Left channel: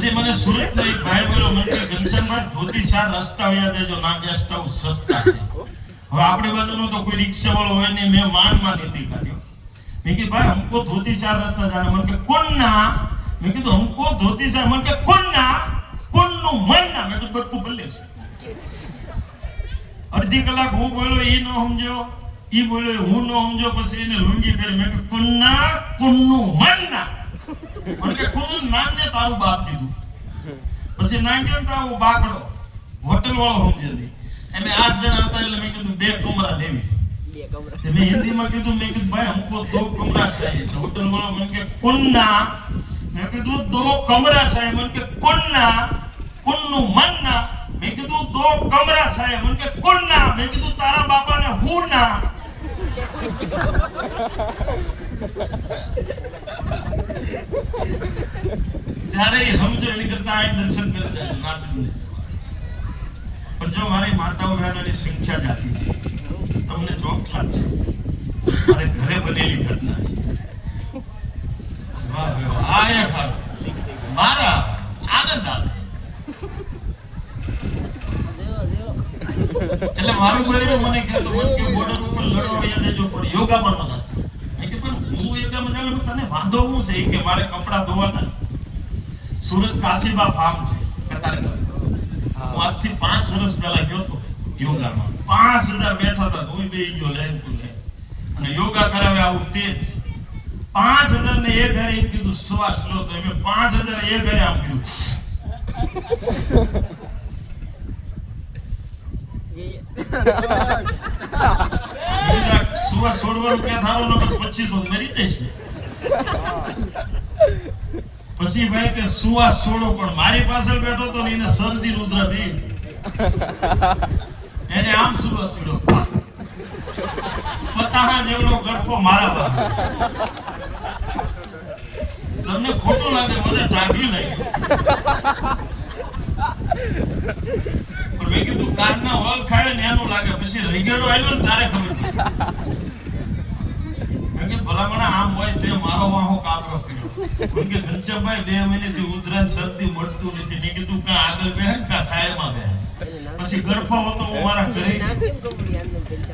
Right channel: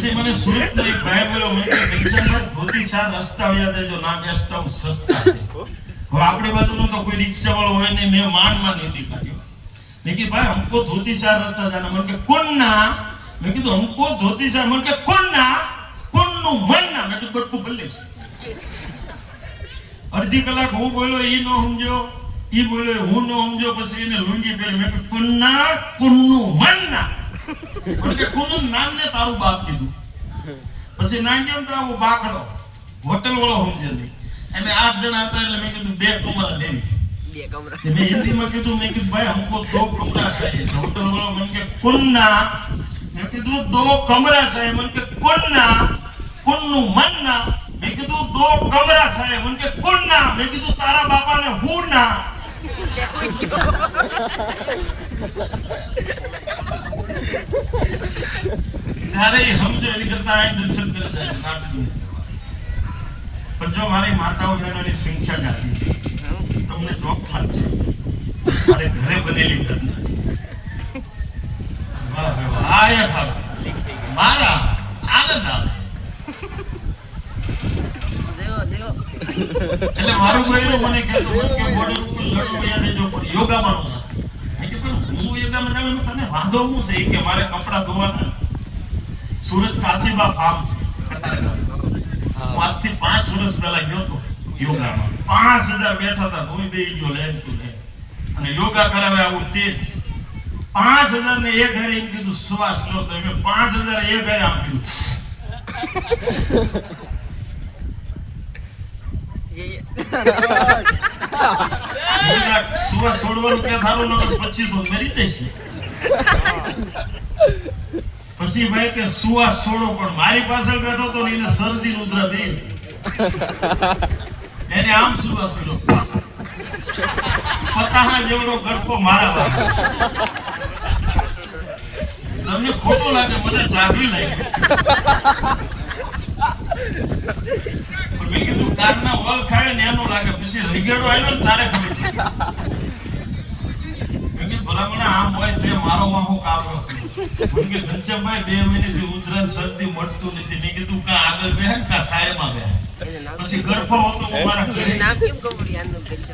પછી મને સુરત નો એક ભાઈ બોલ્યો, મને કે ઘનશ્યામભાઈ ધોતી શાર રસ્તા વ્યા દેજો, ના બેસતા સસ્તા છે. હવે આપણી બાજુનું તો કોઈ રિક્ષા વાળો હોય નહીં, મેં માંડ નીતિ કાઢ્યો. મેં કીધું ભાઈ हमको धोती शार रस्ता जाना. મને કે કોણના? મેં કીધું हमको धोती शार. મને કે કોણના? કોણનું મનના? મેં તો બટકું બોલ્યો છે. અડધી કલાક હું બોલ્યો, ઈ નો સમજો, ઈ બોલ્યો હું નો સમજો, પછી એને લુંગી પહેરી. મેં કીધું કોણના? કોણનું મનના? મને કે કોણનું નામ ને તારું બાપ કીધું. પછી નામ કેમ તારું બાકડો હોટલ વાળો સમજે નહીં. અમે 8 જણા હતા એટલે મેં કીધું 2 કમરા લેવી. મેં હિન્દીમાં કીધું, મેં કીધું ભાઈ हमको 2 कमरा चाहिए. होटल वाला मन के कुन्ना. मैं कीधुं 2 कमरा चाहिए. मन के कुन्ना? कुन्नु मन्ना. मैं कीधुं 2 कमरा चाहिए. मन के कुन्ना. मैं कीधुं तारा बापा ने हूं ना. ત્યારે સમજો એની કરતા આ દર્શન કરતા કાઢી. પણ જો મારી માતાઓ બહેનોની સંખ્યા જાતી છે, તમને ચોક લાગશે. મારે ઘરે બનેલી ઘટના છે. વાહ વાહ, આ એ ખાવ મારા આનંદ આવે. એટલે મારું ગોયરું મને કહેતું કે બોર્ડર ઉપર લડવા યાદ દેજો, પણ યોગામાં નો જાતો. મેં કીધું હું યોગામાં જાઉં તને વાંધો શું છે કે મારે કપડા ધોવાના. સુરત કાશીબા ફાર્મ છે કતારગામ. હું આજથી 5 વર્ષ પહેલા ગયો તો યોગામાં. 5000 બેઠા હતા, હું બેહી ગયો લાઈન ટુ લાઈન. અને યોગા કરાવે આવું તેજ. 5000 ને એક ઘરે એમ કીધું શ્વાસ લો, તો મેં 5000 એક ઘરે આમ કીધું. શ્વાસ છોડવાનું ક્યાં થારું નતું, પછી તો મરી જઈશું. પછી ભાઈ કે શ્વાસ છોડો, પણ મારી પાછળ બેઠો તો એને શરદી ઉધરા બે. એને આમ શ્વાસ છોડો, પતાહા જેવડો ગડપો મારા પાસે. તમને ખોટું લાગે, મને ટ્રાફી લાગે. પણ મેં કીધું કારના હોલ ખાય ને એનું લાગે, પછી રીગેડો આવ્યો ને તારે ખબર પડી. મેં કીધું ભલામણા આમ હોય તે મારો વાહો કાબરો. મને કે ઘનશ્યામભાઈ 2 મહિનેથી ઉધરા શરદી મળતું નથી. મેં કીધું કા આગળ બેહે કા સાયમાં બેહે. પછી ગરફા હતો હું મારા ઘરે.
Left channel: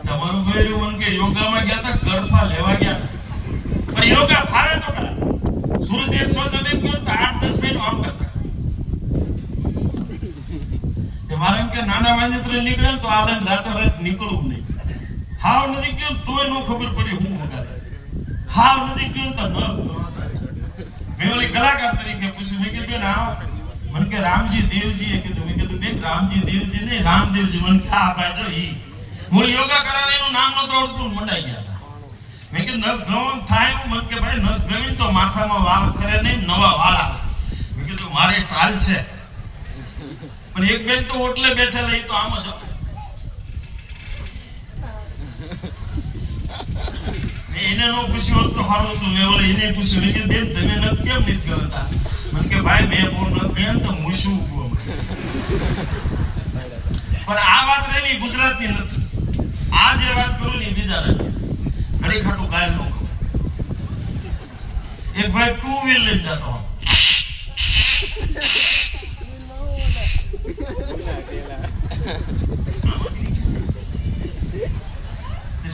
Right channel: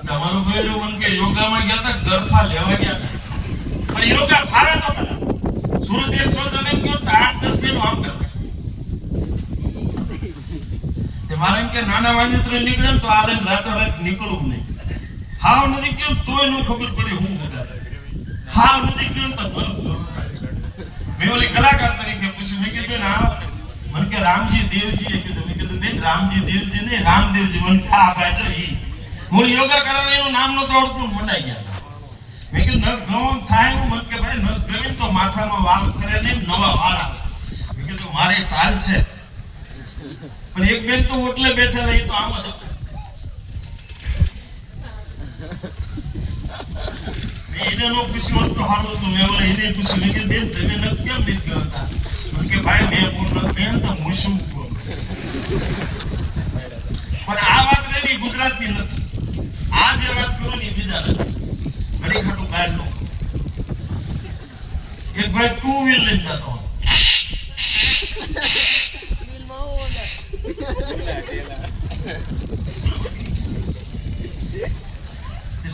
તમારું ગયરું મને કે યોગામાં ગયા હતા, ગરફા લેવા ગયા હતા. પણ યોગા ફાવે તો ખરા. સુરત 100 જણ ગયો તો 8-10 મહિનો આમ કરતા. મારે એમ કે નાના વાંદિત્ર નીકળે ને તો આ લઈને રાતોરાત નીકળવું નહીં. હાવ નથી ગયું તોય નો ખબર પડી હું વગાડે. હાવ નથી ગયું તો મેં ઓલી કલાકાર તરીકે પૂછ્યું. મેં કીધું ના, મને કે રામજી દેવજી એ કીધું. મેં કીધું બેન રામજી દેવજી ને રામદેવજી. મને કે આ ભાઈ જો ઈ હું યોગા કરાવે એનું નામ નતો આવડતું, મંડાઈ ગયા હતા. મેં કીધું નખ ગવન થાય હું. મને કે ભાઈ નખ ગવીને તો માથામાં વાળ કરે નહીં, નવા વાળ આવે. મેં કીધું મારે કાલ છે. પણ એક બેન તો ઓટલે બેઠેલા, એ તો આમ જ. એને નો પૂછ્યું તો સારું હતું. મેં ઓલા એને પૂછ્યું, મેં કીધું બેન તમે ન કેમ નથી ગતા? મને કે ભાઈ મેં બહુ ન કેમ તો મૂછું. પણ આ વાત રેલી ગુજરાતની નથી. આ જે વાત કરું ને બીજા રાજ્ય ઘડી ખાટું કાલ નો. એક ભાઈ 2 વ્હીલ લઈને જતો,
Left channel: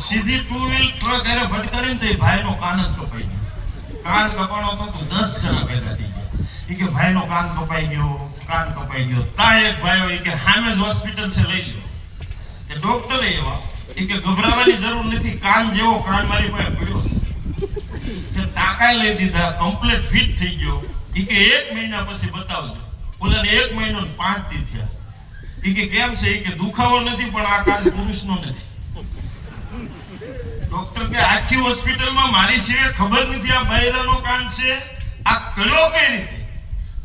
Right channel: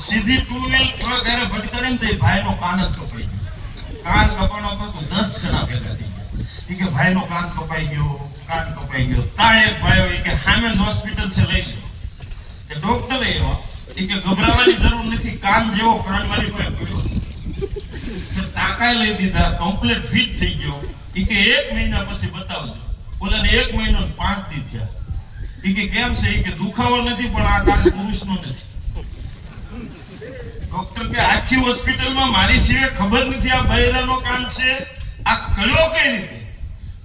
સીધી 2 વ્હીલ ટ્રક એને ભટકાડે ને તો એ ભાઈનો કાન જ કપાઈ ગયો. કાન કપાણો તો 10 જણા ભેગા થઈ ગયા. એ કે ભાઈનો કાન કપાઈ ગયો, કાન કપાઈ ગયો. તા એક ભાઈ હોય કે સામે જ હોસ્પિટલ છે, લઈ ગયો. કે ડોક્ટર એવા એ કે ગભરાવાની જરૂર નથી, કાન જેવો કાન મારી પાસે પડ્યો. તે ટાંકા લઈ દીધા, કમ્પ્લીટ ફિટ થઈ ગયો. એ કે 1 મહિના પછી બતાવજો. ઓલાને 1 મહિનો 5 દી થયા. એ કે કેમ છે? એ કે દુખાવો નથી, પણ આ કાન પુરુષનો નથી. ડોક્ટર કે આખી હોસ્પિટલમાં મારી સિવાય ખબર નથી આ બૈરાનો કાન છે. આ કયો કઈ રીતે?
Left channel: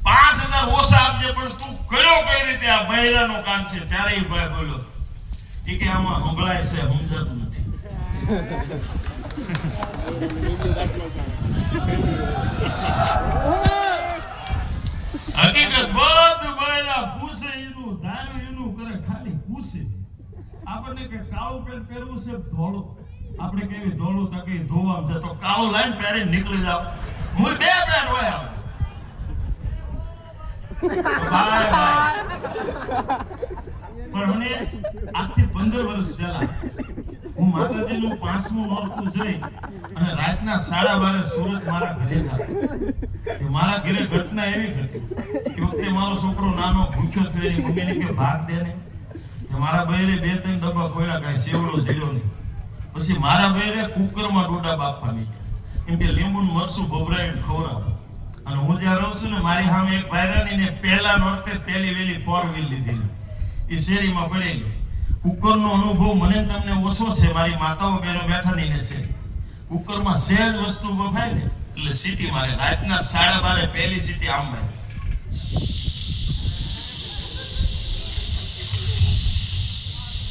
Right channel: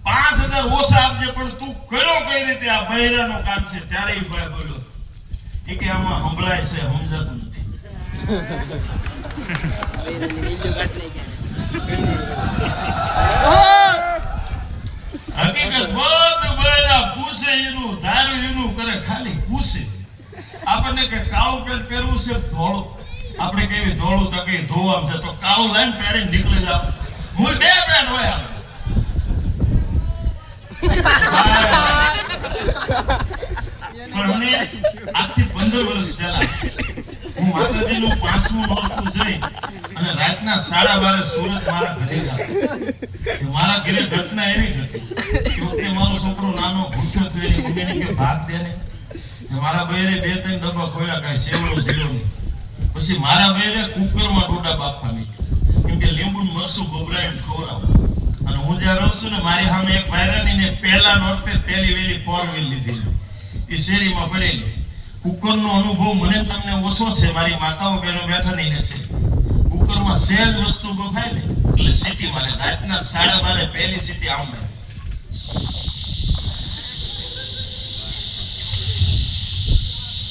5000 ઓછા આપજે, પણ તું કયો કઈ રીતે આ બૈરાનો કાન છે? ત્યારે એ ભાઈ બોલ્યો એ કે આમાં સંભળાય છે, સમજાતું નથી. હકીકત બધું બૈરા પૂછે એનું, ધારું એનું કરે, ખાલી પૂછે. આપણને કે કાળું પેન્ટ પહેરવું છે, ધોળું. આપણે કેવી ધોળું તો કઈ ધોવામ છે, તો કાળું લાઈન પહેરી નીકળી જાવ. હું 2 પેન્ટ હોય આપણે. પણ અમે આજથી 15 વર્ષ પહેલા હું માતાજીનું 5મું નોરતું જોઈ અને રાતના 12:30 સુરત મારા ઘરે ગયા. તો મારા ઘરે ઘટના એવી ઘટી કે વખતે મારો છોકરો નાનો ભૂખ્યો થયો એની મમ્મીને કે ભાગ દે ને. મારા બહેરે 2-3 ડબ્બા ખોલ્યા, કાંઈ સેવડો ઝીરો નહીં. પછી મારા બહેરે કુકરમાં ડોડા બાફવા નહીં કેમ કે લીંબુ મરસું ભભરાઈને ખવડાવે. અને હું જ્યાં રહું છું ને મારી સામે એક ભાઈરાની ને પહેલા નોરતે પહેલી વેલી 4 વ્હીલ લીધેલી એ શેરીમાં પડેલી. કુકરનો અનુભવ મને તમને ઓછો છે, મારી માતાઓ બહેનો બેઠા નહીં છે. કુકરમાં સહેજ વસ્તુ બફાય ને એટલે સીટી મારે. રાતના 12:30 પહેલી સીટી આમ મારે.